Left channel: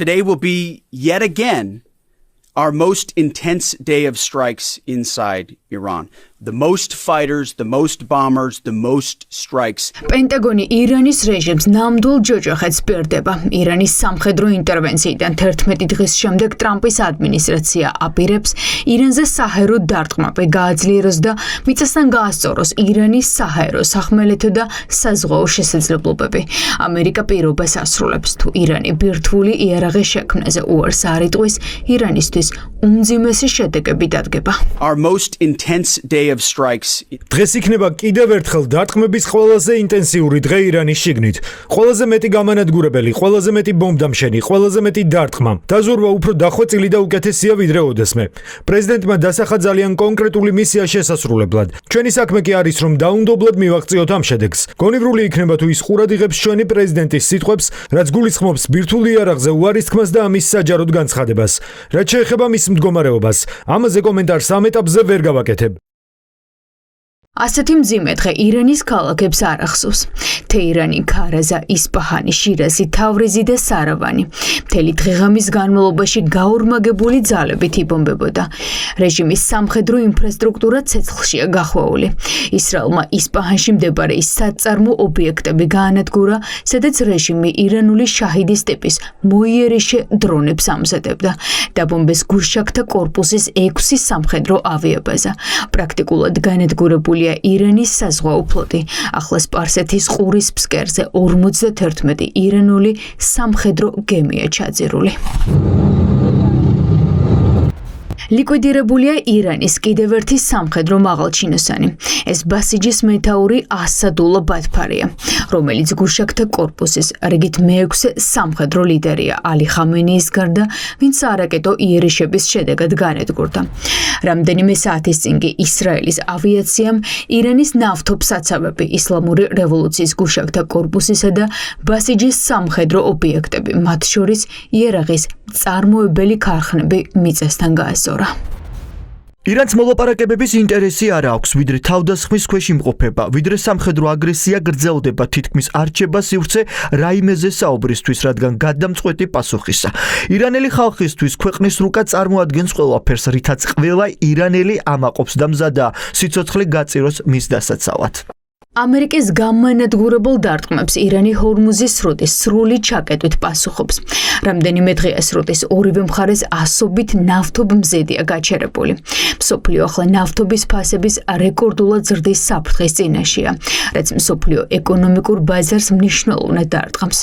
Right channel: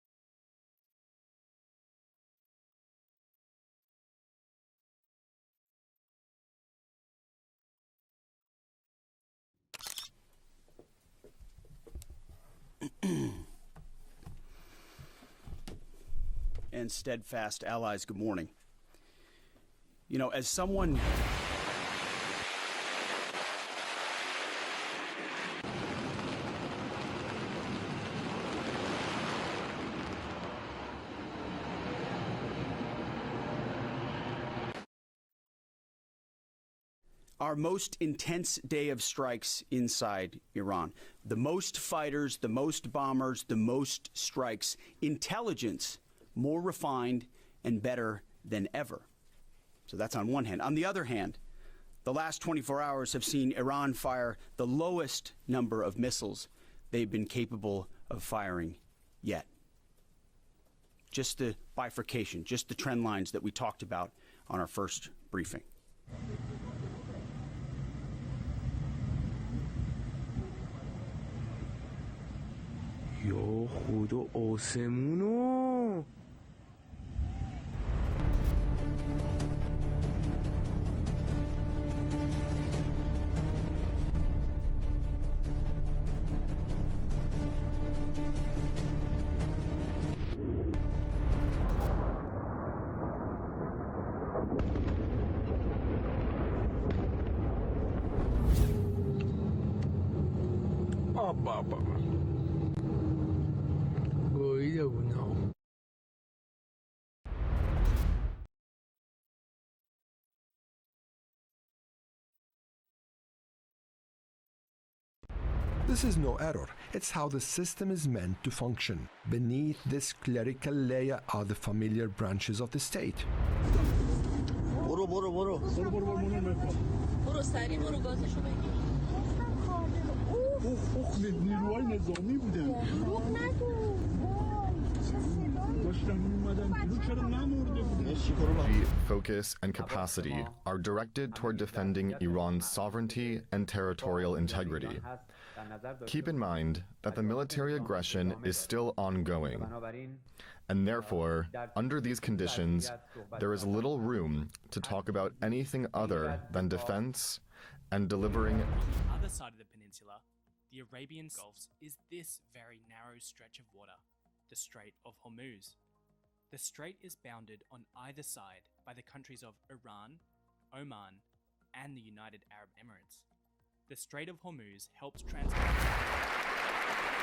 Today will be yet again our most intense day of strikes inside Iran. The most fighters, the most bombers, the most strikes. Pentagon-ი ირანის რეჟიმს ნამდვილ ჯოჯოხეთს პირდება. ირანის სამხედრო ინტერვენციიდან 11 დღის შემდეგ ტრამპის ადმინისტრაცია აპირებს ირანზე საჰაერო დარტყმები გააძლიეროს და მიწასთან გაასწოროს ირანის საჰაერო, სახმელეთო და საზღვაო შესაძლებლობები. ამერიკა პირობას ასრულებს, თუ ირანი ბირთვული იარაღის შექმნაზე უარს არ იტყვის, ირანისთვის უმძიმესი შედეგები დადგება. Our most intense day of strikes. დღეს იქნება კიდევ ერთხელ დარტყმების ყველაზე ინტენსიური დღე ირანის შიგნით. ყველაზე მეტი გამანადგურებელი, ყველაზე მეტი ბომბდამშენი, ყველაზე მეტი დარტყმა. დაზურვა უფრო დახვეწილი და უკეთესია ვიდრე ოდესმე. პრეზიდენტმა დასახა ძალიან კონკრეტული მისია შესასრულებლად. ჩვენი საქმე კი არის რომ დაუნდობლად მივაღწიოთ ამ შედეგს. გონივრული იქნება თუ ის ყურად იღებს ჩვენი პრეზიდენტის სიტყვებს, რაც გულისხმობს ბირთვულ იარაღზე უარის თქმას და ამის საჯაროდ განცხადებას. რაც შეეხება მის მდგომარეობას, ამაზე კომენტარს ამ ეტაპზე ვერ გავაკეთებ. ასეთი მძიმე დღე ირანის ქალაქებს არ ახსოვს. თეირანი, ქარაზა, ისპაჰანი, შირაზი, თავრიზი და სარავანი. მთელი დღეღამის განმავლობაში გაორმაგებული ძალებით იბომბებოდა. რეჟიმის სამხედრო ინფრასტრუქტურა ცეცხლშია გახვეული. ისრაელმა ისპაჰანში მდებარე საწარმო ობიექტები გაანადგურა, სადაც რეჟიმი ირანული შაჰიდის ტიპის მოიერიშე დრონებს ამზადებდა. დაბომბეს გუშაქთა კორპუსის 6 სამხედრო ავიაბაზა. პრაქტიკულად განადგურებულია ირანის საზღვაო ფლოტი. ახლა სპარსეთის ყურის ფსკერზე 51 ირანული სამხედრო გემია ჩაძირული. ლიკვიდირებულია ირანის კიდევ ერთი სამხედრო მაღალჩინოსანი. ეს ბასიჯის მეთაური ასადულლა ბათფარია, რომელიც გუშაქთა კორპუსის რიგით მეექვსე სამხედრო ლიდერია ალი ხამენეის გარდა, ვინც არაკეტო იერიშების შედეგად განადგურდა. რამდენიმე საათის წინ კი ისრაელის ავიაციამ ირანის ნავთობსაცავები, ისლამური რევოლუციის გუშაქთა კორპუსისა და ბასიჯის სამხედრო ობიექტები, მათ შორის იარაღის წარმოებელი ქარხნები მიწასთან გაასწორა. ირანს მოლაპარაკებების ინტერესი არ აქვს, ვიდრე თავდასხმის ქვეშ იმყოფება, ვიდრე სამხედრო აგრესია გრძელდება, თითქმის არ რჩება სივრცე რაიმეზე საუბრისთვის, რადგან გადამწყვეტი პასუხისა. ირანელი ხალხისთვის ქვეყნის რუკა წარმოადგენს ყველაფერს, რითაც ყველა ირანელი ამაყობს და მზადაა სიცოცხლე გაწიროს მის დასაცავად. ამერიკის გამანადგურებელ დარტყმებს ირანი ჰორმუზის სრუტის სრული ჩაკეტვით პასუხობს. რამდენიმე დღეა სრუტის ორივე მხარეს ასობით ნავთობმზედია გაჩერებული. მსოფლიო ახლა ნავთობის ფასების რეკორდულად ზრდის საფრთხის წინაშეა, რაც მსოფლიო ეკონომიკურ ბაზარს მნიშვნელოვნად დარტყმს.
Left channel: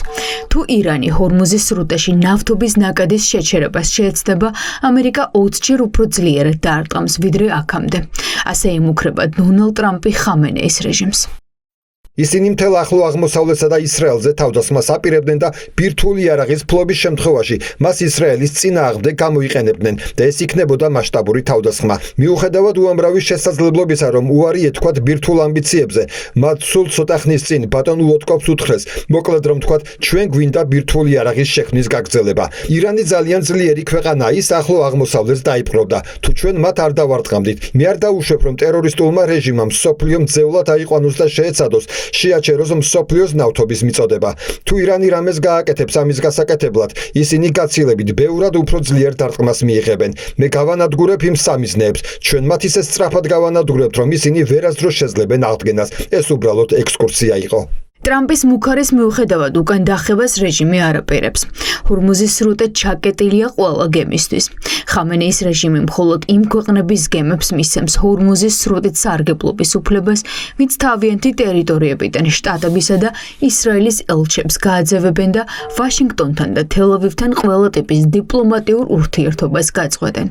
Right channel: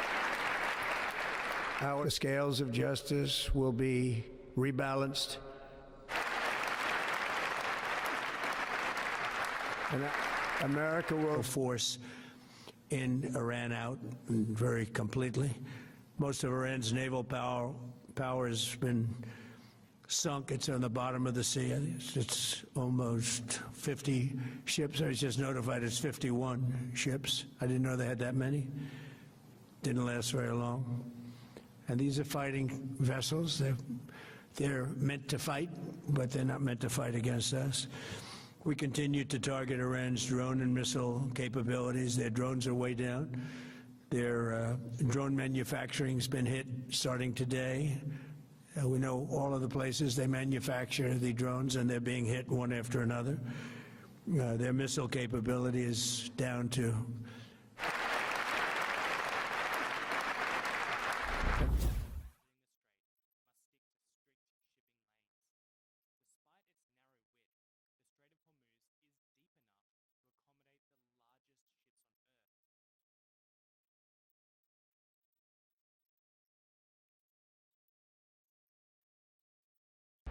თუ ირანი ჰორმუზის სრუტაში ნავთობის ნაკადის შეჩერებას შეეცდება, ამერიკა 20-ჯერ უფრო ძლიერად დარტყმს ვიდრე აქამდე. ასე ემუქრება დონალდ ტრამპი ხამენეის რეჟიმს. ისინი მთელ ახლო აღმოსავლეთსა და ისრაელზე თავდასხმას აპირებდნენ და ბირთვული იარაღის ფლობის შემთხვევაში მას ისრაელის წინააღმდეგ გამოიყენებდნენ და ეს იქნებოდა მასშტაბური თავდასხმა. მიუხედავად უამრავი შესაძლებლობისა, რომ უარი ეთქვათ ბირთვულ ამბიციებზე, მათ სულ ცოტა ხნის წინ ბატონ უოტკოპს უთხრეს, მოკლედ რომ თქვათ, ჩვენ გვინდა ბირთვული იარაღის შექმნის გაგრძელება. ირანი ძალიან ძლიერი ქვეყანაა, ის ახლო აღმოსავლეთს დაიპყრობდა. თუ ჩვენ მათ არ დავარტყამდით, მე არ დავუშვებ, რომ ტერორისტულმა რეჟიმამ მსოფლიო მძევლად აიყვანოს და შეეცადოს შეაჩეროს მსოფლიოს ნავთობის მიწოდება. თუ ირანი რამეს გააკეთებს ამის გასაკეთებლად, ისინი გაცილებით ბევრად უფრო ძლიერ დარტყმას მიიღებენ. მე გავანადგურებ იმ სამიზნეებს, ჩვენ მათ ისე სწრაფად გავანადგურებთ, რომ ისინი ვერასდროს შეძლებენ აღდგენას. ეს უბრალოდ ექსკურსია იყო. ტრამპის მუქარის მიუხედავად უკან დახევას რეჟიმი არ აპირებს. ჰორმუზის სრუტე ჩაკეტილია ყველა გემისთვის. ხამენეის რეჟიმი მხოლოდ იმ ქვეყნების გემებს მისცემს ჰორმუზის სრუტით სარგებლობის უფლებას, ვინც თავიანთი ტერიტორიებიდან შტატებისა და ისრაელის ელჩებს გააძევებენ და ვაშინგტონთან და თელ-ავივთან ყველა ტიპის დიპლომატიურ ურთიერთობას გაწყვეტენ.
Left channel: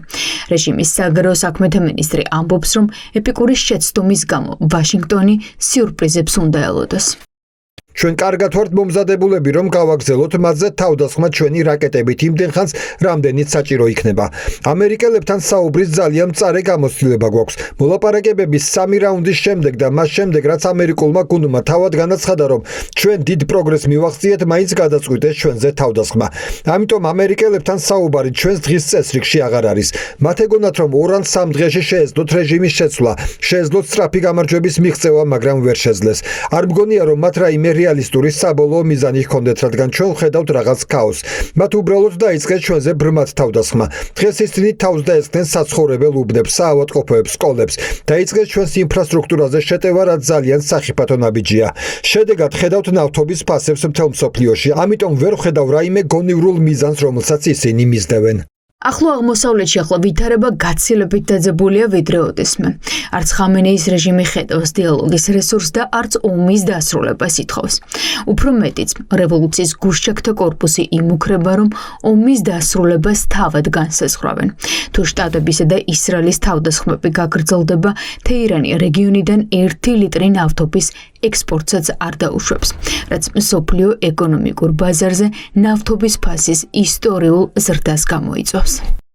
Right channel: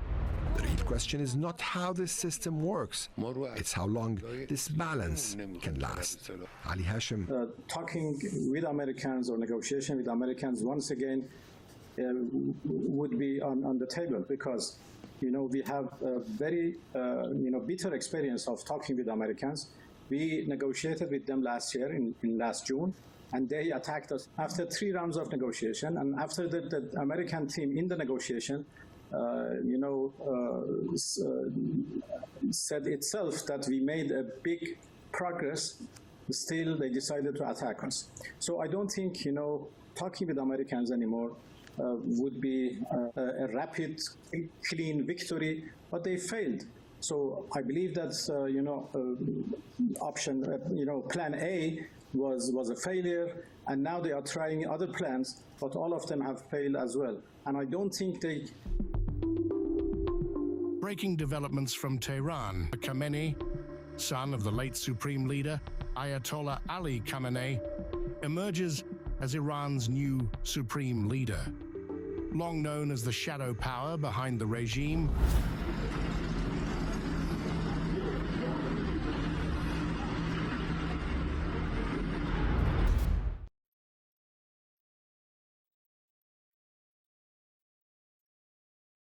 რეჟიმის საგარეო საქმეთა მინისტრი ამბობს, რომ ეპიკური შეცდომის გამო ვაშინგტონი სიურპრიზებს უნდა ელოდოს. ჩვენ კარგად ვართ მომზადებულები, რომ გავაგრძელოთ მათზე თავდასხმა ჩვენი რაკეტებით იმდენ ხანს, რამდენიც საჭირო იქნება. ამერიკელებთან საუბრის ძალიან მწარე გამოცდილება გვაქვს. მოლაპარაკებების 3 რაუნდის შემდეგ და მას შემდეგ, რაც ამერიკულმა გუნდმა თავად განაცხადა, რომ ჩვენ დიდ პროგრესს მივაღწიეთ, მაინც გადაწყვიტეს ჩვენზე თავდასხმა. ამიტომ ამერიკელებთან საუბარი ჩვენს დღის წესრიგში აღარ არის. მათ ეგონათ, რომ 2 ან 3 დღეში შეეძლოთ რეჟიმის შეცვლა, შეეძლოთ სწრაფი გამარჯვების მიღწევა, მაგრამ ვერ შეძლეს. არ მგონია, რომ მათ რაიმე რეალისტური საბოლოო მიზანი ჰქონდეთ, რადგან ჩვენ ვხედავთ რაღაც ქაოსს. მათ უბრალოდ დაიწყეს ჩვენზე ბრმად თავდასხმა. დღეს ისინი თავს დაესხნენ საცხოვრებელ უბნებს, საავადმყოფოებს, სკოლებს. დაიწყეს ჩვენს ინფრასტრუქტურაზე შეტევა, რაც ძალიან სახიფათო ნაბიჯია. შედეგად ხედავთ ნავთობის ფასებს მთელ მსოფლიოში. ამიტომ ვერ ვხედავ რაიმე გონივრულ მიზანს, რომელსაც ისინი მისდევენ. ახლო აღმოსავლეთში ახლა ვითარება გაცილებით დაძაბულია ვიდრე ოდესმე. არც ხამენეის რეჟიმი ხედავს დიალოგის რესურსს და არც ომის დასრულებას ითხოვს. უფრო მეტიც, რევოლუციის გუშჩაქთა კორპუსი იმუქრება, რომ ომის დასრულებას თავად განსაზღვრავენ. თუ შტატებისა და ისრაელის თავდასხმები გაგრძელდება, თეირანი რეგიონიდან 1 ლიტრი ნავთობის ექსპორტსაც არ დაუშვებს, რაც მსოფლიო ეკონომიკურ ბაზარზე ნავთობის ფასის ისტორიულ ზრდას გამოიწვევს.